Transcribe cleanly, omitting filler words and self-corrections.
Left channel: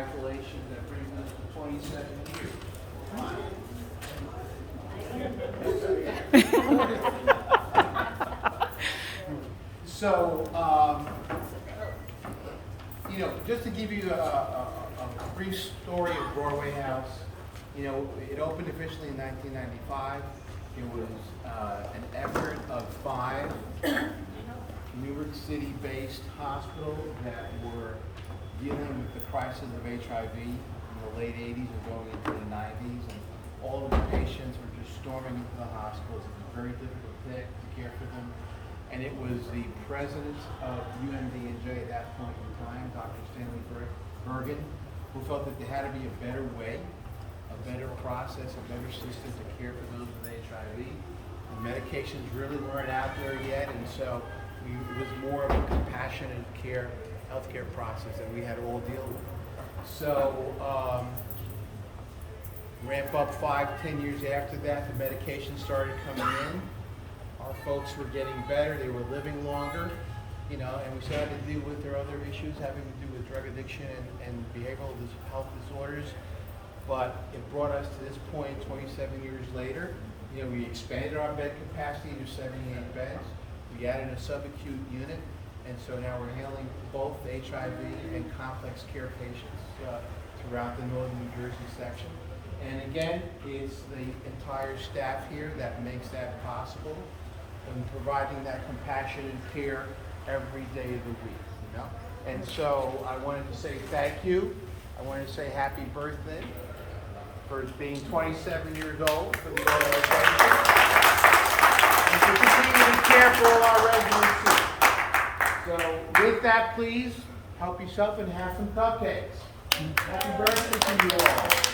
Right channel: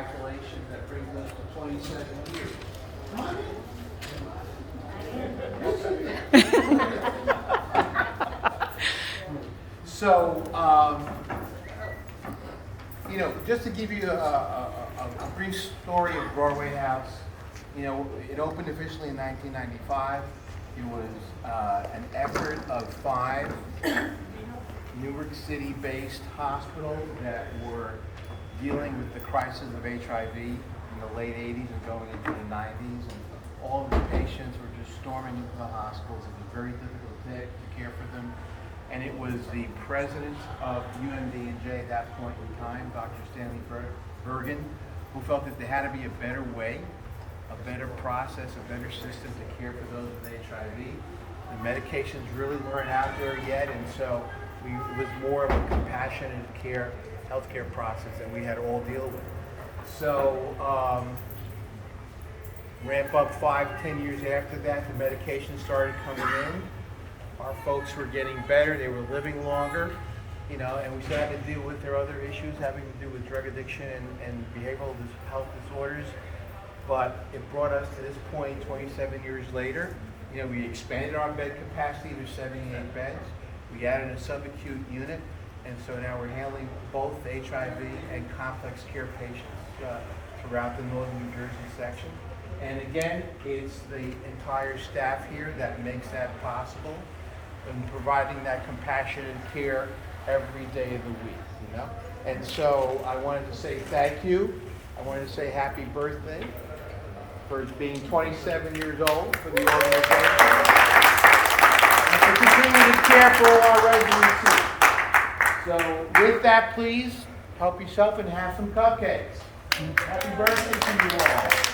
congratulations. That brings us to 27 years. Come on in. So, just to give you a brief story of Broadway House, it opened officially in 1995. It was an effort of 5 Newark City-based hospitals that were dealing with the crisis of HIV in the late 80s and going into the 90s. And all of the patients were just storming into the hospitals. It was very difficult to care for them. And it was the president of UMD&J at that point in time, Dr. Stanley Bergen, who felt that there had to be a better way, a better process, a better system to care for those with HIV. The medications really weren't out there yet, and so it was more of a compassionate care, healthcare process that we had to all deal with. So ramp up 5-10 years after that, the medications started coming in. Our folks were getting better, they were living longer, and we still had to deal with their other issues having to do with drug addiction and behavioral health disorders. But it brought us to this point 27 years later. We expanded our bed capacity to 78 beds. We added a subacute unit, and so now we're handling both HIV and complex care patients throughout the northern New Jersey section. And again, it's the entire staff here that makes that possible, and providing that compassionate care every day of the week, And so I wanted to say thank you. I wanted to say happy birthday for being 27 years old for the organization. And for continuing to care for our residents too. So with that, please help yourself and have some cupcakes. Happy birthday to you all.